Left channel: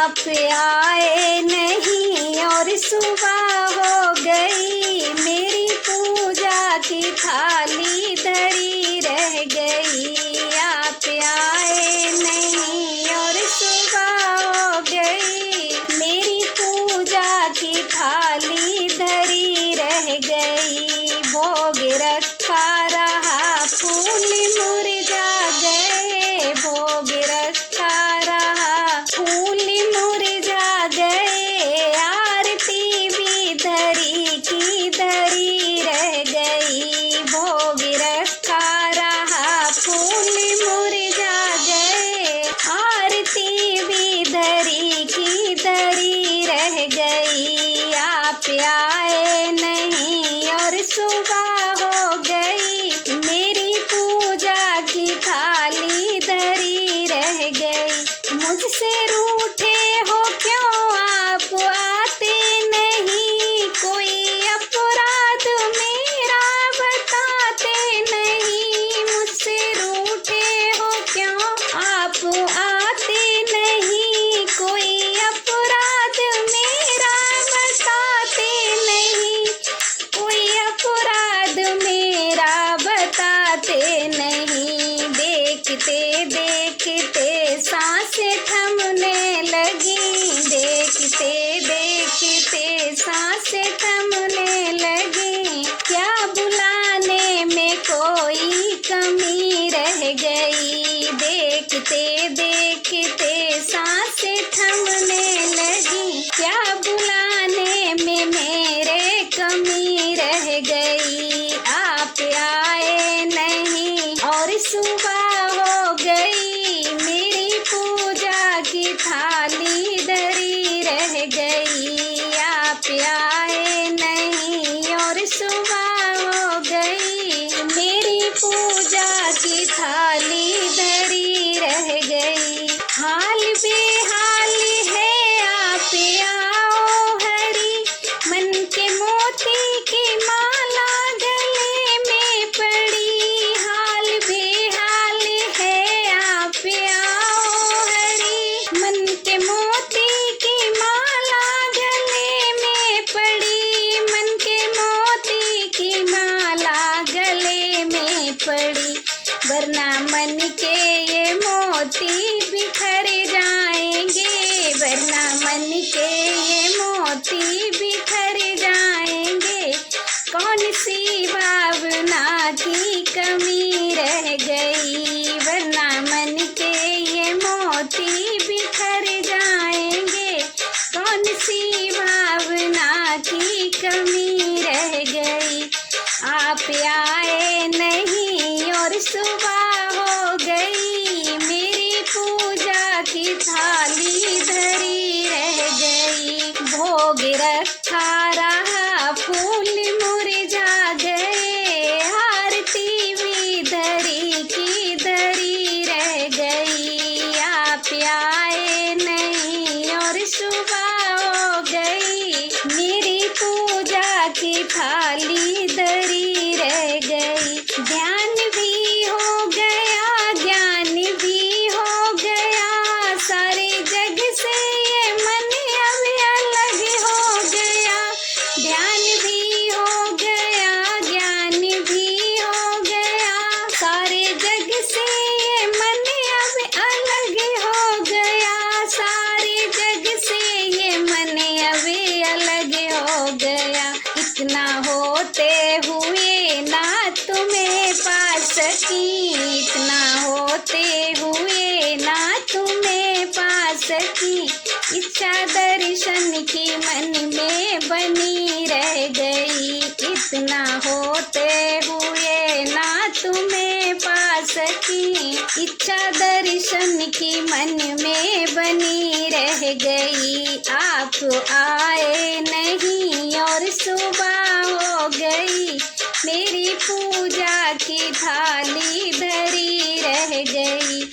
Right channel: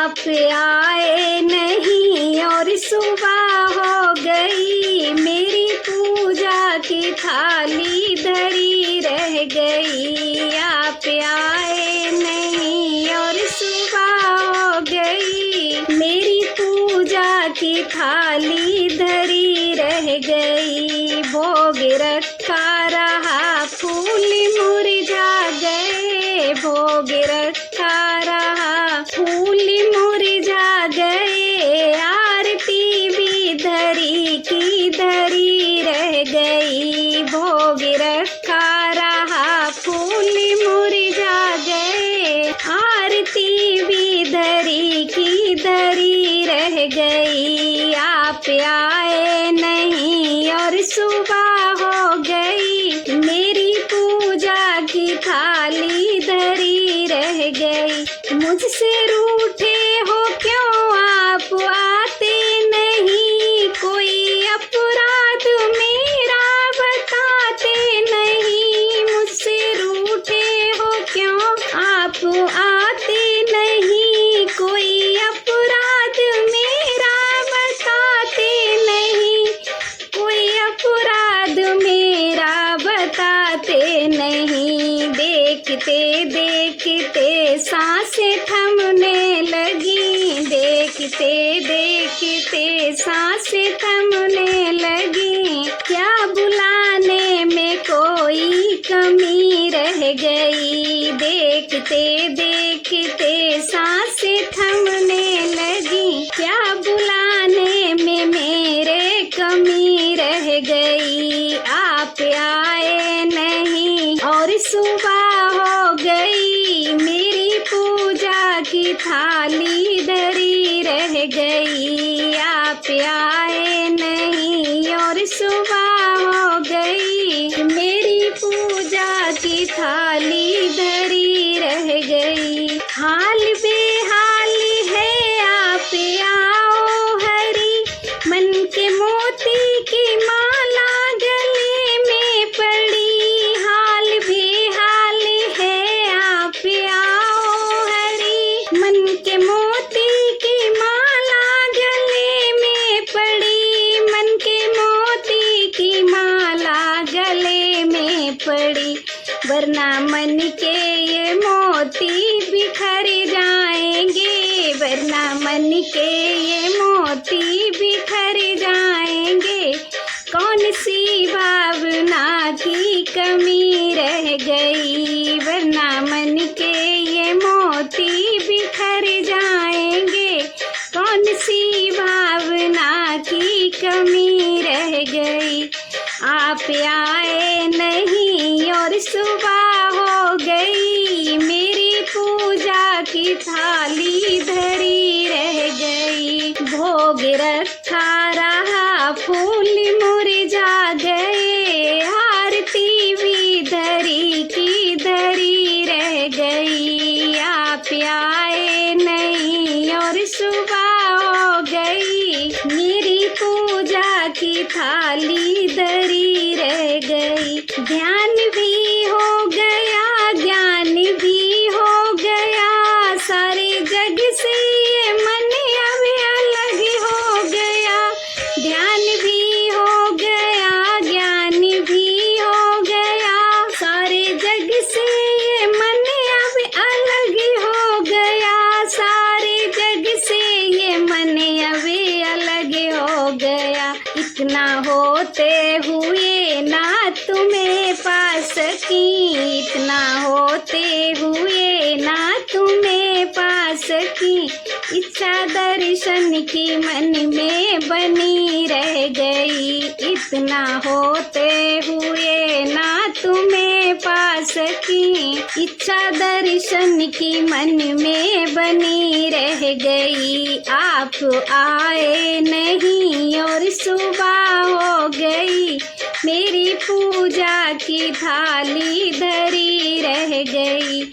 आप आए नहीं और सुबह हो गई, मेरी पूजा की थाली धरी रह गई। आप आए नहीं और सुबह हो गई, मेरी पूजा की थाली धरी रह गई। भोग रखा रहा फूल मुरझा गए, भोग रखा रहा फूल मुरझा गए, आरती भी धरी की धरी रह गई। भोग रखा रहा फूल मुरझा गए, आरती भी धरी की धरी रह गई। आप आए नहीं और सुबह हो गई, मेरी पूजा की थाली धरी रह गई। मुझसे रूठे हो क्यों आप आते नहीं, कोई अपराध मेरा बताते नहीं। मुझसे रूठे हो क्यों आप आते नहीं, कोई अपराध मेरा बताते नहीं, कोई अपराध मेरा बताते नहीं। देखते देखते सांसें थमने लगी, देखते देखते सांसें थमने लगी। क्या बुलाने में कोई कमी रह गई, देखते देखते सांसें थमने लगी। क्या बुलाने में मेरे कमी रह गई। आप आए नहीं और सुबह हो गई, मेरी पूजा की थाली धरी रह गई। आप आए नहीं और सुबह हो गई, मेरी पूजा की थाली धरी रह गई। हाल बेहाल है आप आओ हरी, मन के मोती की माला गले में पड़ी। हाल बेहाल है आप आओ हरी, मन के मोती की माला गले में पड़ी। मन के मोती की माला गले में पड़ी, वरना मन के ये मोती बिखर जाएंगे, वरना मन के ये मोती बिखर जाएंगे। कौन सी भावना की कमी रह गई, वरना मन के ये मोती बिखर जाएंगे। कौन सी भावना की कमी रह गई। आप आए नहीं और सुबह हो गई, मेरी पूजा की थाली धरी रह गई। भोग रखा रहा फूल मुरझा गए, आरती भी धरी की धरी रह गई। आप आए नहीं और सुबह हो गई, मेरी पूजा की थाली धरी रह गई। ध्यान भी हो गया, ज्ञान भी हो गया, सारे जग से ये मन अब अलग हो गया। ध्यान भी हो गया, ज्ञान भी हो गया, सारे जग से ये मन अब अलग हो गया। सारे जग से ये मन अब अलग हो गया। इतना होते हुए ना तुम्हें पा सकी, इतना होते हुए ना तुम्हें पा सकी। इच्छा दर्शन की मन में बनी रह गई, इतना होते हुए ना तुम्हें पा सकी। इच्छा दर्शन की मन में बनी रह गई। आप आए नहीं और सुबह हो गई, मेरी पूजा की थाली धरी रह गई।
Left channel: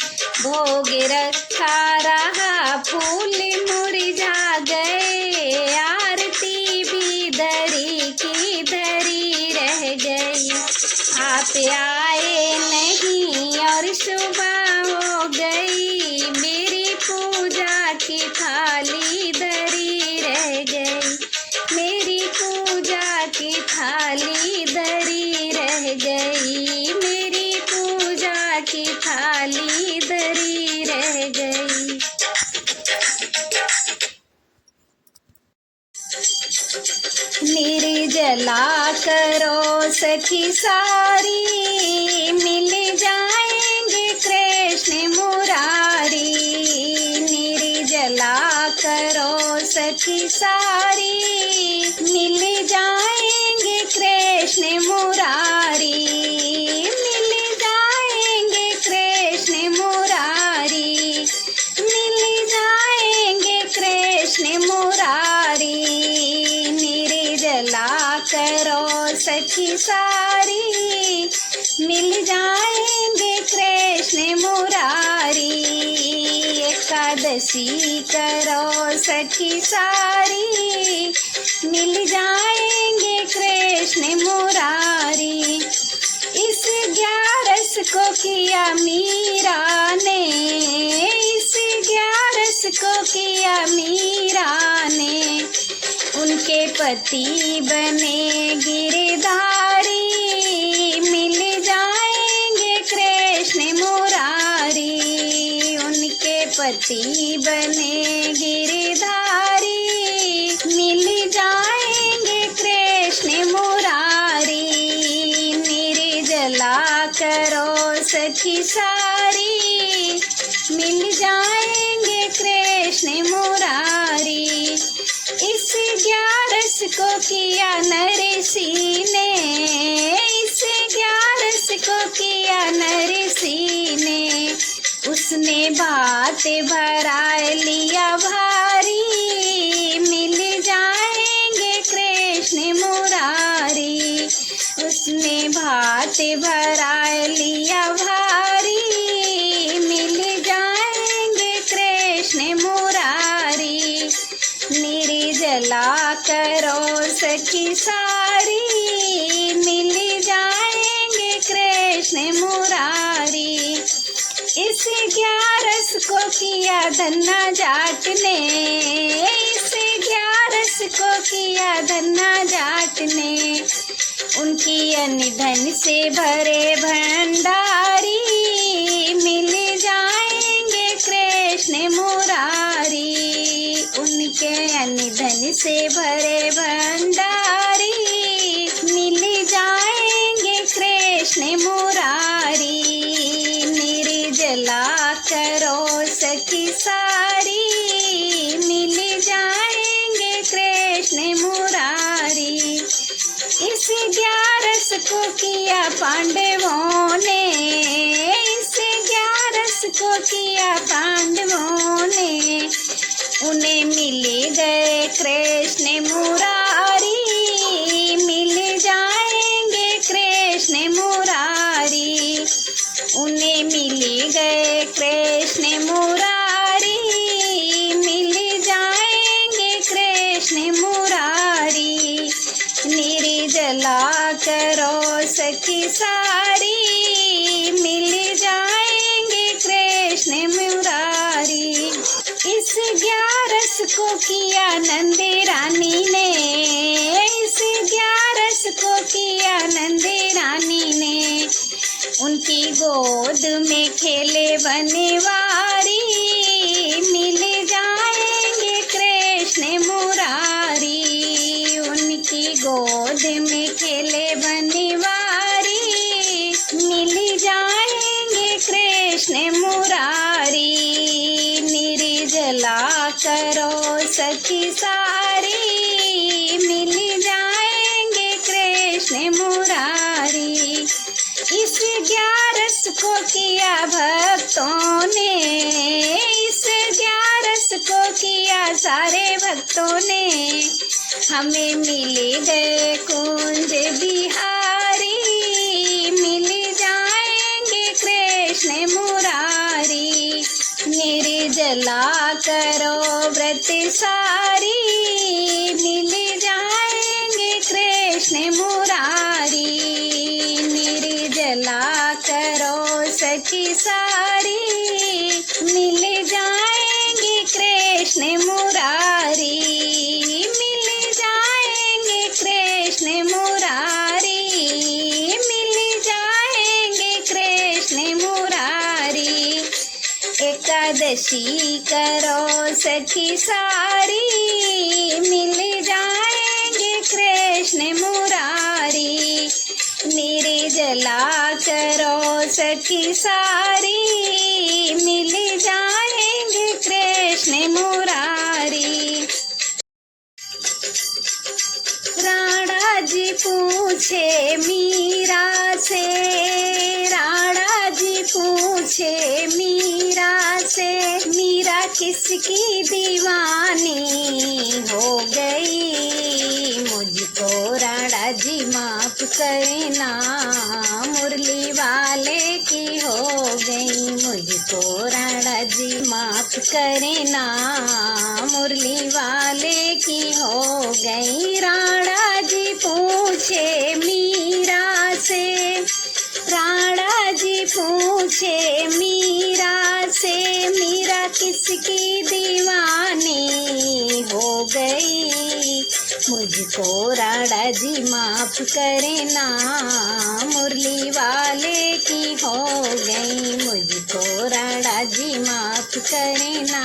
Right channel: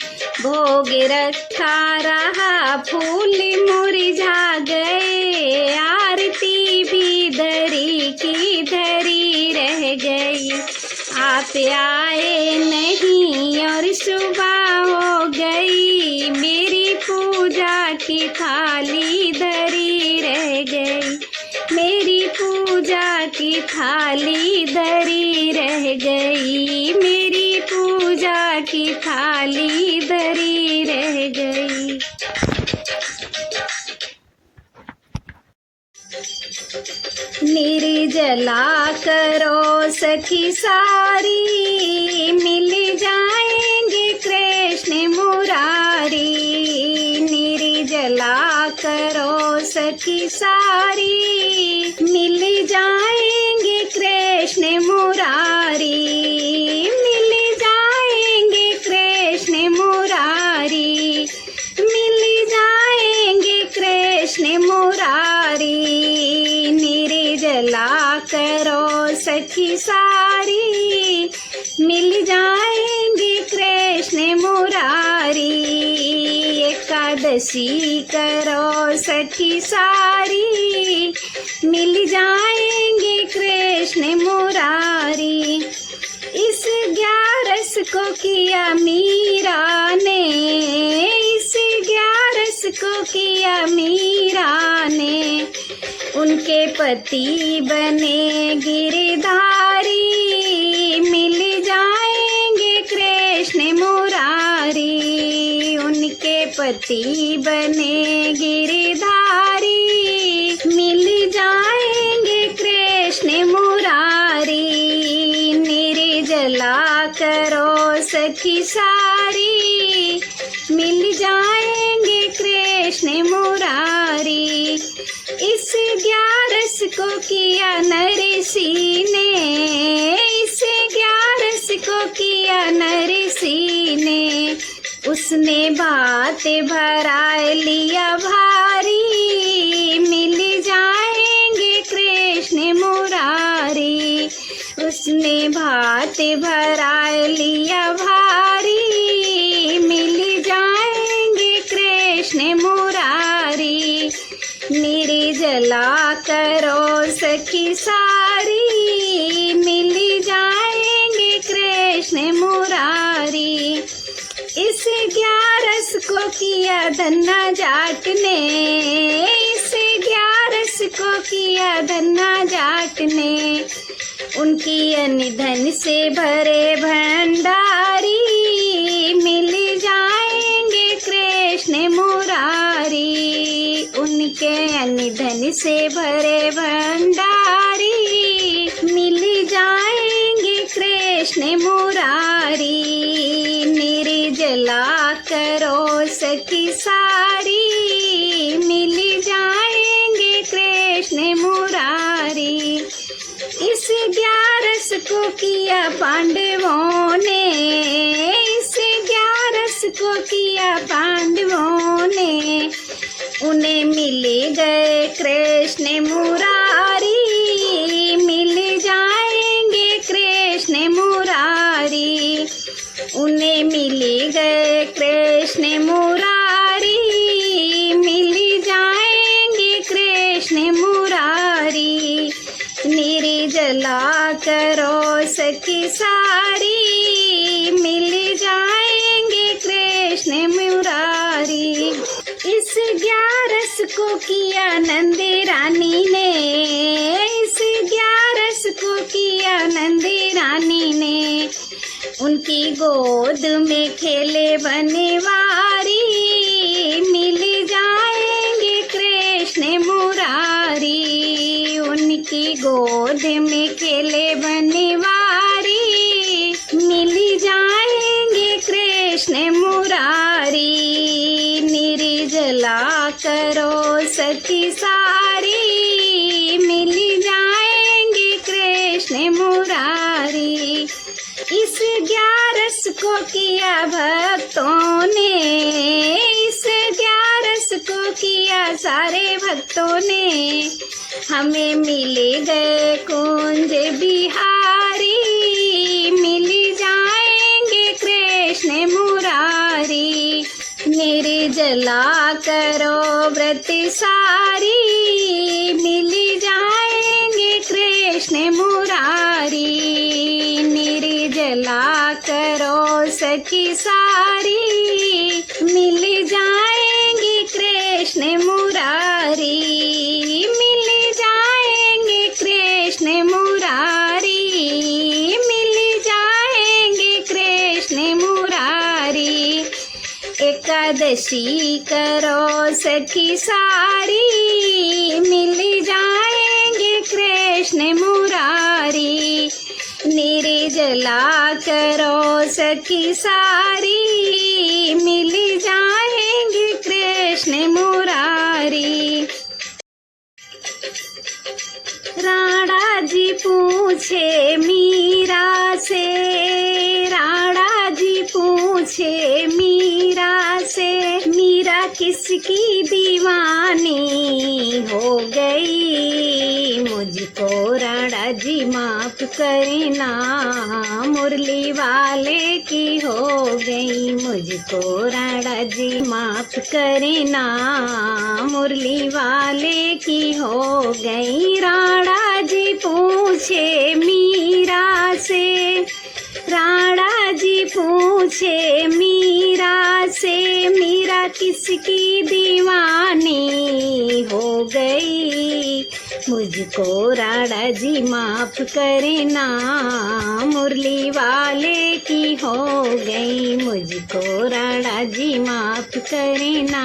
भोग रखा रहा फूल मुरझा गए, आरती भी धरी की धरी रह गई। आप आए नहीं और सुबह हो गई, मेरी पूजा की थाली निर्जला करो सखी सारी, मिल जाएंगे कृष्ण मुरारी। निर्जला करो सखी सारी, मिल जाएंगे कृष्ण मुरारी। मिल जाएंगे कृष्ण मुरारी, मिल जाएंगे कृष्ण मुरारी। निर्जला करो सखी सारी, मिल जाएंगे कृष्ण मुरारी। एकादशी करो सखी सारी, मिल जाएंगे कृष्ण मुरारी। इस 11 को किया मीरा ने, इस 11 को किया मीरा ने। उनके पति बने गिरधारी, मिल जाएंगे कृष्ण मुरारी। उनके पति बने गिरधारी, मिल जाएंगे कृष्ण मुरारी। निर्जला करो सखी सारी, मिल जाएंगे कृष्ण मुरारी। इस 11 को किया नरसी ने, इस 11 को किया नरसी ने। उसने भात भरा लिया भारी, मिल जाएंगे कृष्ण मुरारी। उसने भात भरा लिया भारी, मिल जाएंगे कृष्ण मुरारी। निर्जला करो सखी सारी, मिल जाएंगे कृष्ण मुरारी। इस 11 को किया धन्ना जाट ने, इस 11 को किया धन्ना जाट ने। उनकी अनधन से भरे भंडारी, मिल जाएंगे कृष्ण मुरारी। उनके अनधन से भरे भंडारी, मिल जाएंगे कृष्ण मुरारी। निर्जला करो सखी सारी, मिल जाएंगे कृष्ण मुरारी। इस 11 को किया पांडवों ने, इस 11 को किया पांडवों ने। उन्हें मिल गए कृष्ण मुरारी, मिल जाएंगे कृष्ण मुरारी। उन्हें मिल गए कृष्ण मुरारी, मिल जाएंगे कृष्ण मुरारी। निर्जला करो सखी सारी, मिल जाएंगे कृष्ण मुरारी। इस 11 को किया नंद रानी ने, इस 11 को किया नंद रानी ने। उनकी गोद में खेले बनवारी, मिल जाएंगे कृष्ण मुरारी। उनकी गोद में खेले बनवारी, मिल जाएंगे कृष्ण मुरारी। निर्जला करो सखी सारी, मिल जाएंगे कृष्ण मुरारी। इस 11 को किया भक्तों ने, इस 11 को किया सारे भक्तों ने। हमें मिल गए कुंज बिहारी, मिल जाएंगे कृष्ण मुरारी। निर्जला करो व्रत सारी, मिल जाएंगे कृष्ण मुरारी। निर्जला करो सखी सारी, मिल जाएंगे कृष्ण मुरारी। मिल जाएंगे कृष्ण मुरारी, मिल जाएंगे कृष्ण मुरारी। एकादशी करो सखी सारी, मिल जाएंगे कृष्ण मुरारी। निर्जला करो सखी सारी, मिल जाएंगे कृष्ण मुरारी। राणा जी पूछे मीरा से, राणा जी पूछे मीरा से, मीरा किसकी दीवानी हो गई। मुझको राणा जी माफ करना, मुरली वाले की हो गई। मुझको राणा जी माफ करना, मुरली वाले की हो गई। राणा जी पूछे मीरा से, राणा जी पूछे मीरा से, मीरा किसकी दीवानी हो गई। मुझको राणा जी माफ करना, मुरली वाले की हो गई। मुझको राणा जी माफ करना,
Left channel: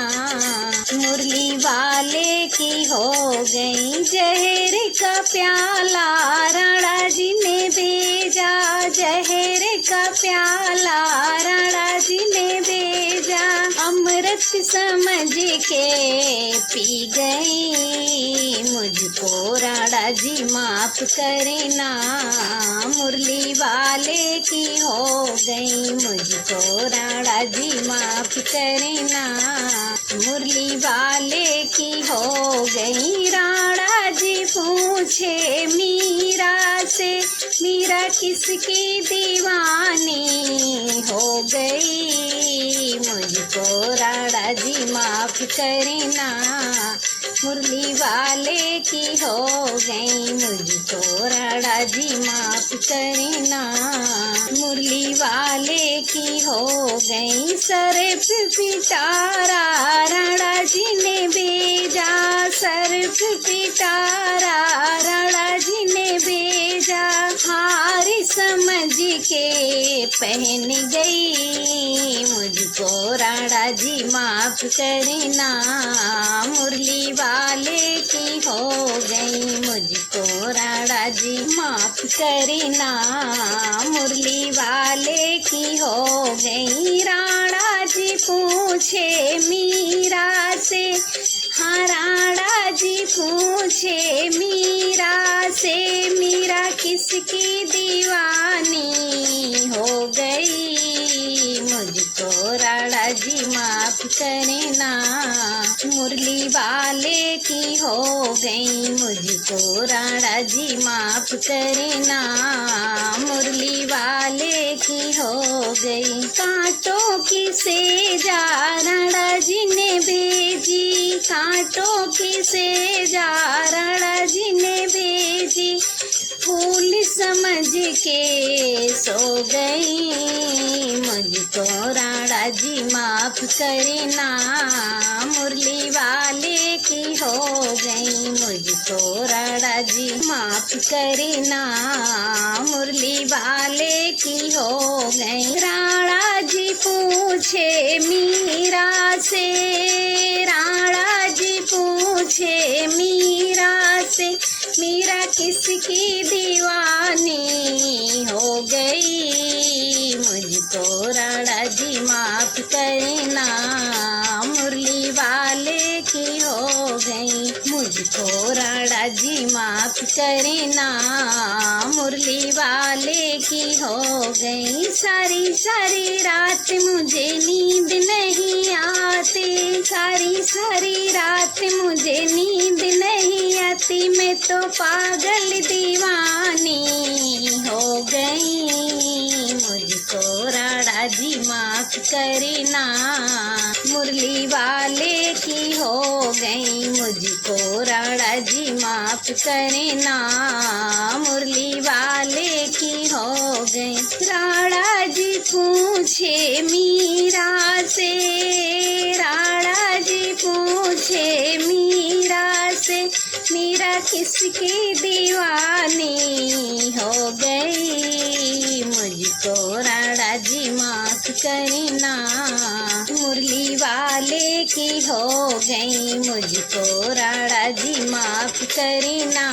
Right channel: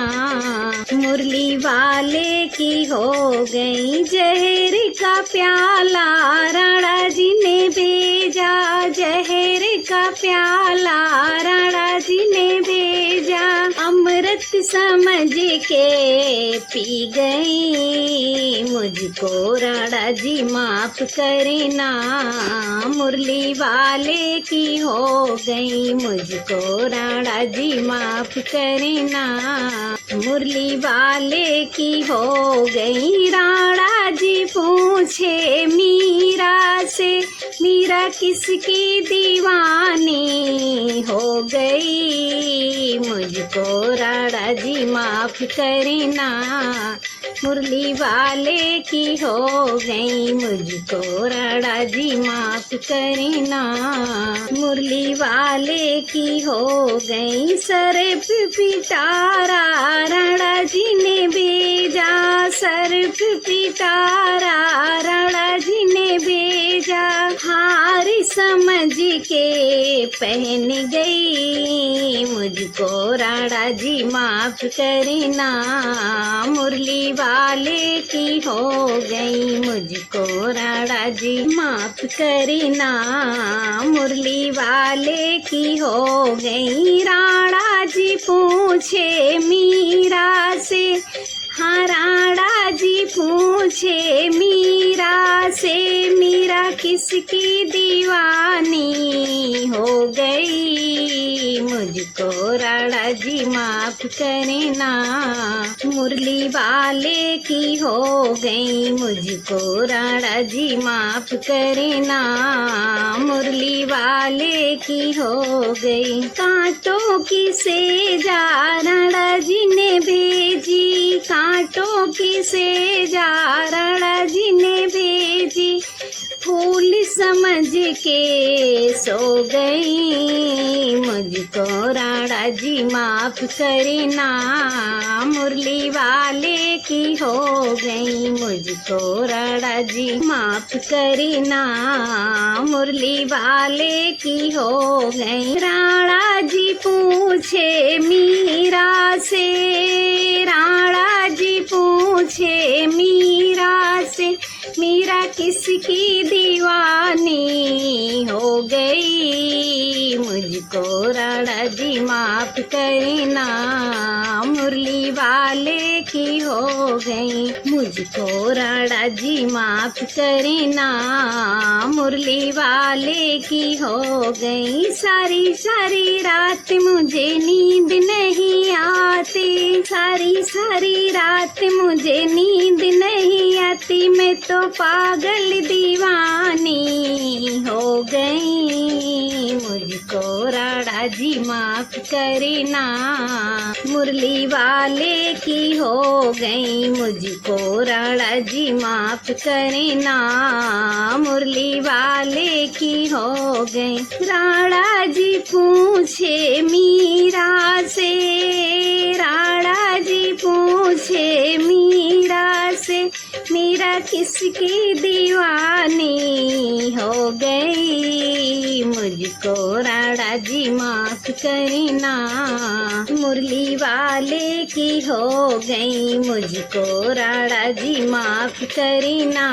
मुरली वाले की हो गई। जहर का प्याला राणा जी ने भेजा, जहर का प्याला राणा जी ने भेजा। अमृत समझ के पी गई। मुझको राणा जी माफ करना, मुरली वाले की हो गई। मुझको राणा जी माफ करना, मुरली वाले की हो गई। राणा जी पूछे मीरा से, मीरा किसकी दीवानी हो गई। मुझको राणा जी माफ करना, मुरली वाले की हो गई। मुझको राणा जी माफ करना, मुरली वाले की हो गई। सर पे पिटारा राणा जी ने भेजा, सर पे पिटारा राणा जी ने भेजा। हार समझ के पहन गई। मुझको राणा जी माफ करना, मुरली वाले की हो गई। मुझको राणा जी माफ करना, मुरली वाले की हो गई। राणा जी पूछे मीरा से, हाँ राणा जी पूछे मीरा से, मीरा किसकी दीवानी हो गई। मुझको राणा जी माफ करना, मुरली वाले की हो गई। मुझको राणा जी माफ करना, मुरली वाले की हो गई। कांटों की सेजा राणा जी ने भेजी, कांटों की सेजा राणा जी ने भेजी। फूल समझ के सो गई। मुझको राणा जी माफ करना, मुरली वाले की हो गई। मुझको राणा जी माफ करना, मुरली वाले की हो गई। राणा जी पूछे मीरा से, राणा जी पूछे मीरा से, मीरा किसकी दीवानी हो गई। मुझको राणा जी माफ करना, मुरली वाले की हो गई। मुझको राणा जी माफ करना, मुरली वाले की हो गई। सारी सारी रात मुझे नींद नहीं आती, सारी सारी रात मुझे नींद नहीं आती। मैं तो पागल दीवानी हो गई। मुझको राणा जी माफ करना, मुरली वाले की हो गई। मुझको राणा जी माफ करना, मुरली वाले की हो गई। राणा जी पूछे मीरा से, राणा जी पूछे मीरा से, मीरा किसकी दीवानी हो गई। मुझको राणा जी माफ करना, मुरली वाले की हो गई, मुझको राणा जी माफ करना,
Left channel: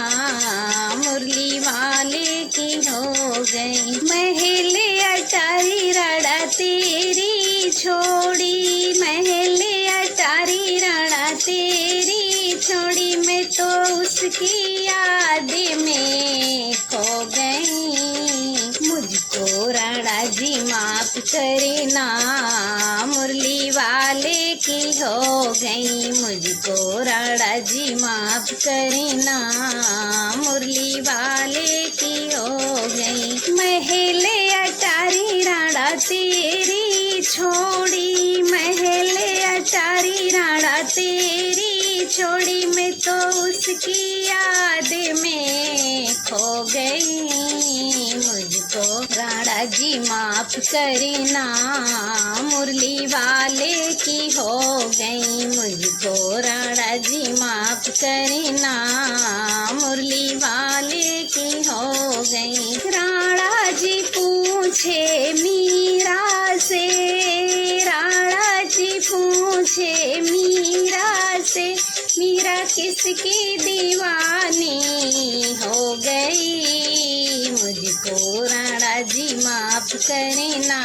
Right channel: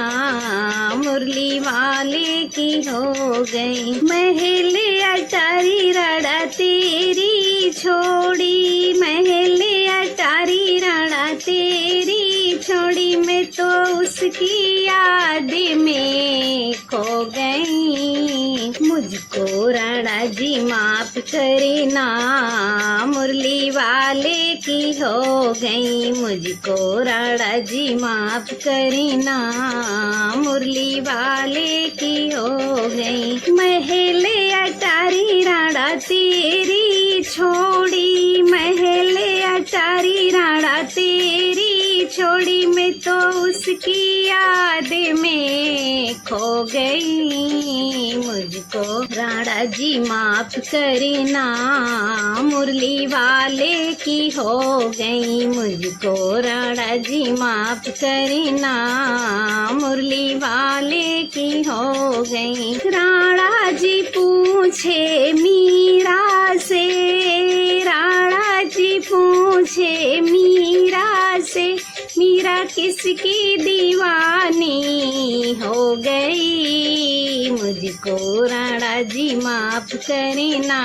मुरली वाले की हो गई। महल अटारी राणा तेरी छोड़ी, महल अटारी राणा तेरी छोड़ी, मैं तो उसकी याद में खो गई, मुझको राणा जी माफ करना, मुरली वाले की हो गई, मुझको राणा जी माफ करना, मुरली वाले की हो गई। महल अटारी राणा तेरी छोड़ी, महल अटारी राणा तेरी छोड़ी, मैं तो उसकी याद में खो गई, मुझको राणा जी माफ करना, मुरली वाले की हो गई, मुझको राणा जी माफ करना, मुरली वाले की हो गई। राणा जी पूछे मीरा से, राणा जी पूछे मीरा से, मीरा किसकी दीवानी हो गई, मुझको राणा जी माफ करना,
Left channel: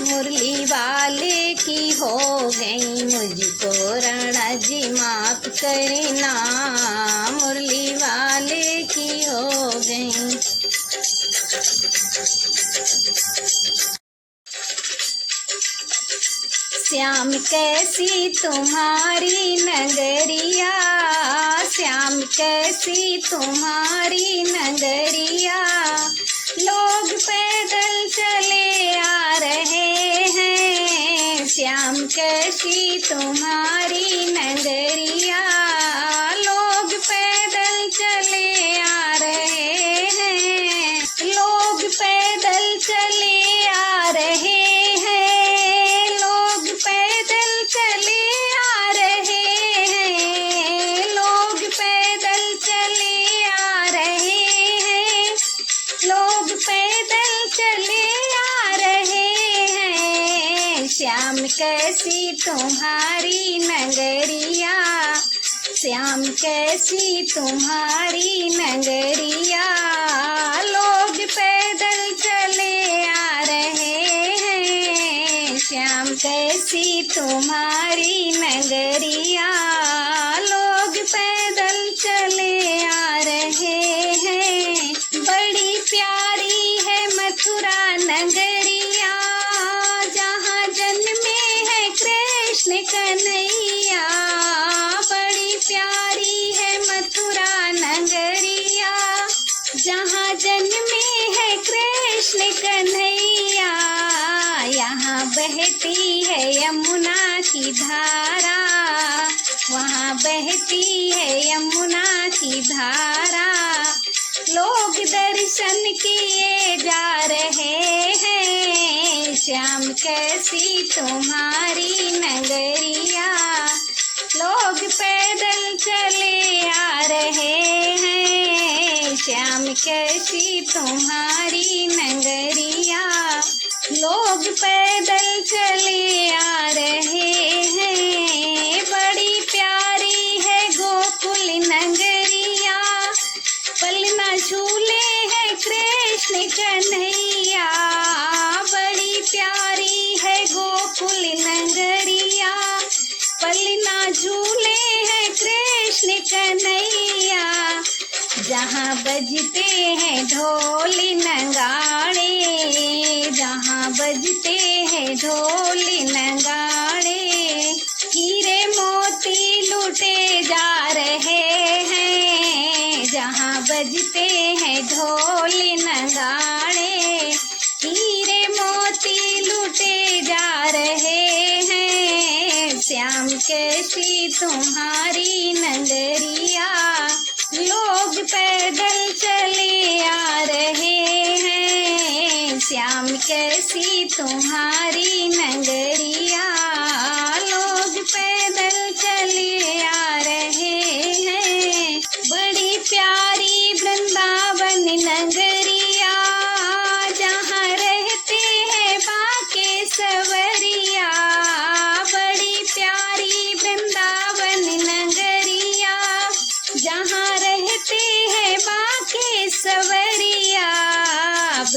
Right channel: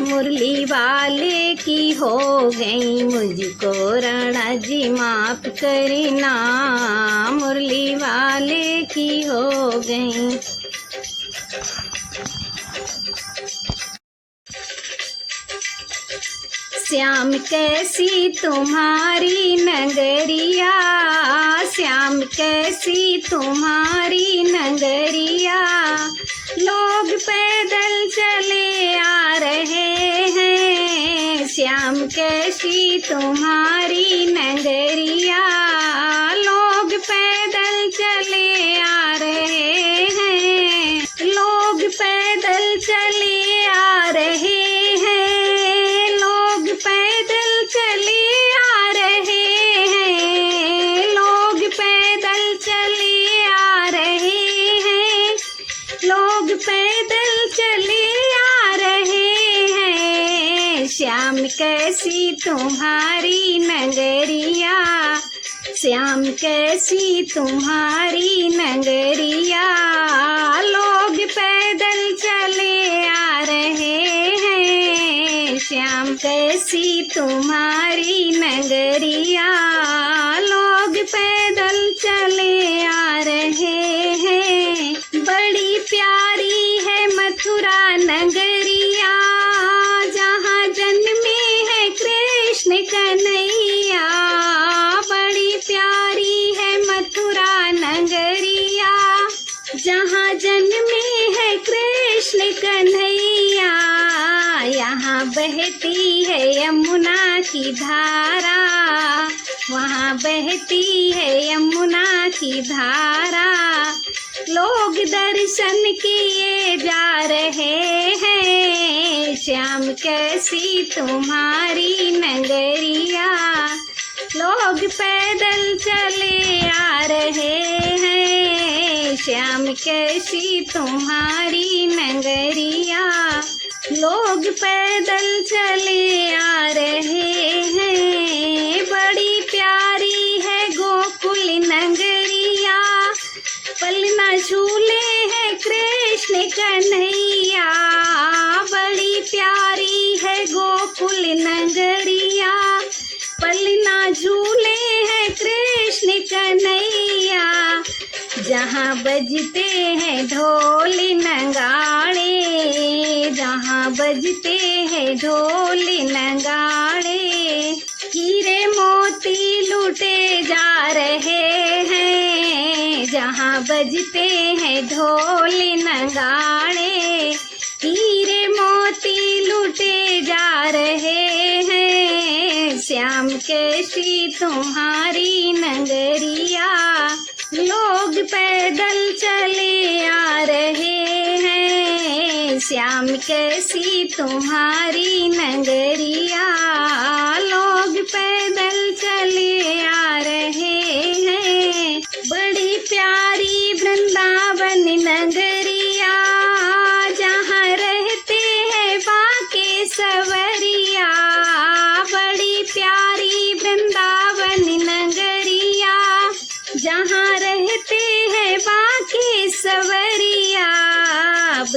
मुरली वाले की हो गई, मुझको राणा जी माफ करना, मुरली वाले की हो गई। श्याम कैसी तुम्हारी नगरिया, श्याम कैसी तुम्हारी नगरिया, लोग पैदल चले आ रहे हैं, श्याम कैसी तुम्हारी नगरिया, लोग पैदल चले आ रहे हैं, लोग पैदल चले आ रहे हैं, लोग पैदल चले आ रहे हैं, लोग पैदल चले आ रहे हैं, लोग पैदल चले आ रहे हैं, श्याम कैसी तुम्हारी नगरिया, श्याम कैसी तुम्हारी नगरिया, लोग पैदल चले आ रहे हैं, श्याम कैसी तुम्हारी नगरिया, लोग पैदल चले आ रहे हैं। बड़ी प्यारी है मथुरा नगरिया, जहाँ जन्मे है कृष्ण कन्हैया, बड़ी प्यारी है मथुरा नगरिया, जहाँ जन्मे है कृष्ण कन्हैया, यहाँ बहती है यमुना की धारा, वहाँ बहती है यमुना की धारा, लोग दर्शन किए जा रहे हैं, श्याम कैसी तुम्हारी नगरिया, लोग पैदल चले आ रहे हैं, श्याम कैसी तुम्हारी नगरिया, लोग पैदल चले आ रहे हैं। बड़ी प्यारी है गोकुल नगरिया, पलना झूले है कृष्ण कन्हैया, बड़ी प्यारी है गोकुल नगरिया, पलना झूले है कृष्ण कन्हैया, जहाँ बजते हैं ढोल नगाड़े, जहाँ बजते हैं ढोल नगाड़े, हीरे मोती लूटे जा रहे हैं, जहाँ बजते हैं ढोल नगाड़े, हीरे मोती लूटे जा रहे हैं, श्याम कैसी तुम्हारी नगरिया, लोग पैदल चले आ रहे हैं, श्याम कैसी तुम्हारी नगरिया, लोग पैदल चले आ रहे हैं। बड़ी प्यारी वृंदावन नगरिया, जहाँ रहते हैं बाके सवरिया, बड़ी प्यारी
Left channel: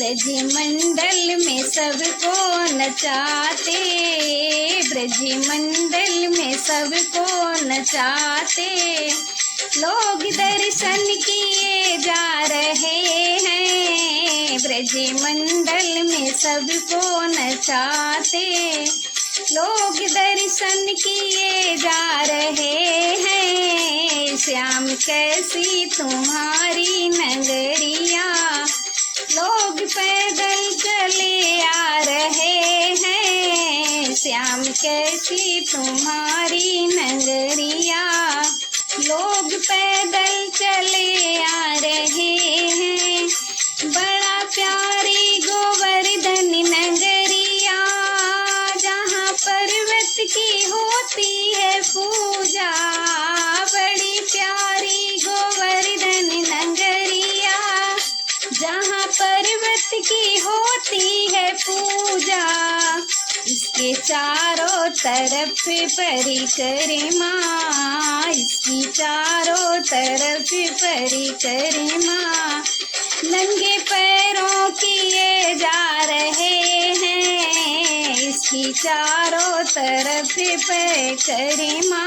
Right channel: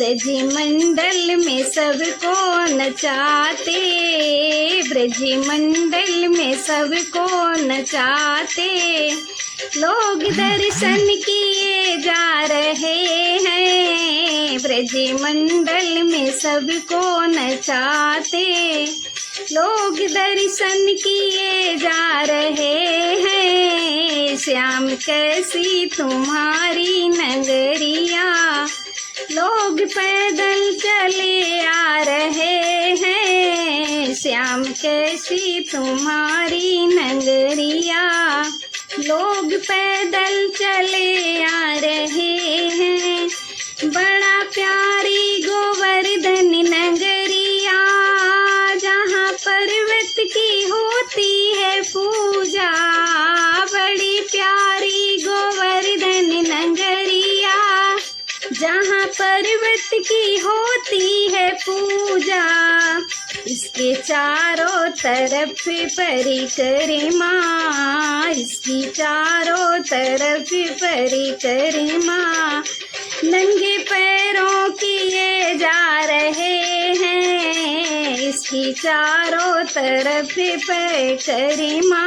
ब्रजमंडल में सबको नचाते, ब्रजमंडल में सबको नचाते, लोग दर्शन किए जा रहे हैं, ब्रजमंडल में सबको नचाते, लोग दर्शन किए जा रहे हैं। श्याम कैसी तुम्हारी नगरिया, लोग पैदल चले आ रहे हैं। श्याम कैसी तुम्हारी नगरिया, लोग पैदल चले आ रहे हैं। बड़ा प्यारी गोवर्धन नगरिया, जहाँ पर्वत की होती है पूजा, बड़ी प्यारी गोवर्धन नगरिया, जहाँ पर्वत की होती है पूजा। इसके चारों तरफ परिक्रमा, इसकी चारों तरफ परिक्रमा, नंगे पैरों किए जा रहे हैं। इसकी चारों तरफ परिक्रमा,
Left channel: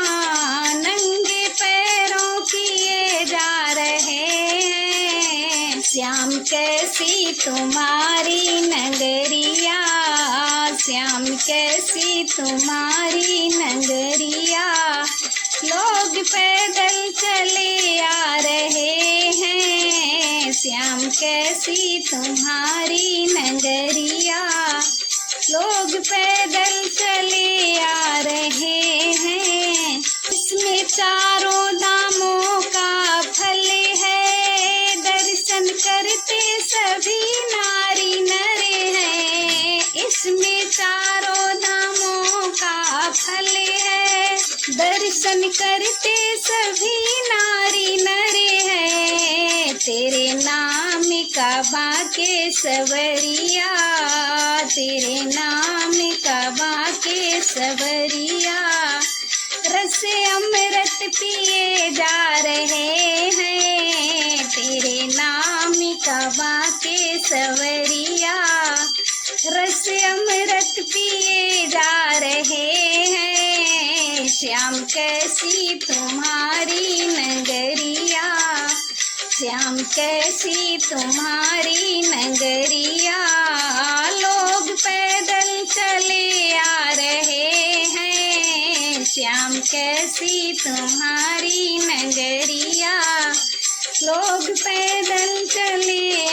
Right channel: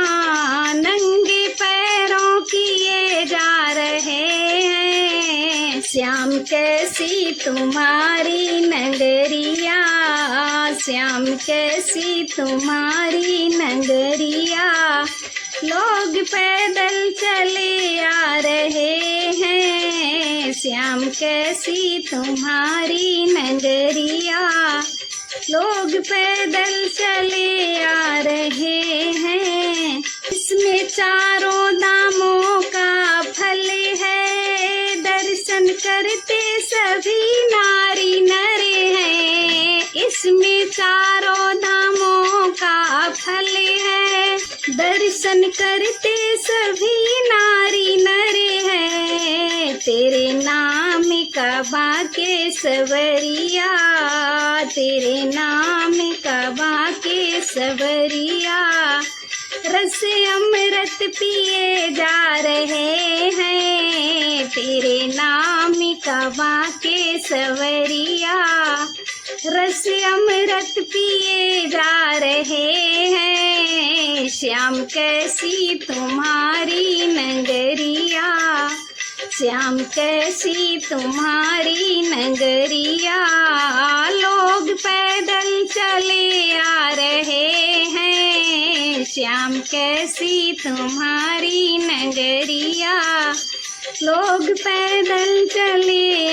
नंगे पैरों किए जा रहे हैं। श्याम कैसी तुम्हारी नगरिया, श्याम कैसी तुम्हारी नगरिया, लोग पैदल चले आ रहे हैं। श्याम कैसी तुम्हारी नगरिया, लोग पैदल चले आ रहे हैं। इसमें चारों धामों का फल है, दर्शन करते सभी नारी नर हैं। इसमें चारों धामों का फल है, दर्शन करते सभी नारी नर हैं। तेरे नाम का बाके सवरिया, तेरे नाम का बाके सवरिया, रस अमृत पिए जा रहे हैं। तेरे नाम का बाके सवरिया, रस अमृत पिए जा रहे हैं। श्याम कैसी तुम्हारी नगरिया, श्याम कैसी तुम्हारी नगरिया, लोग पैदल चले आ रहे हैं। श्याम कैसी तुम्हारी नगरिया, लोग पैदल चले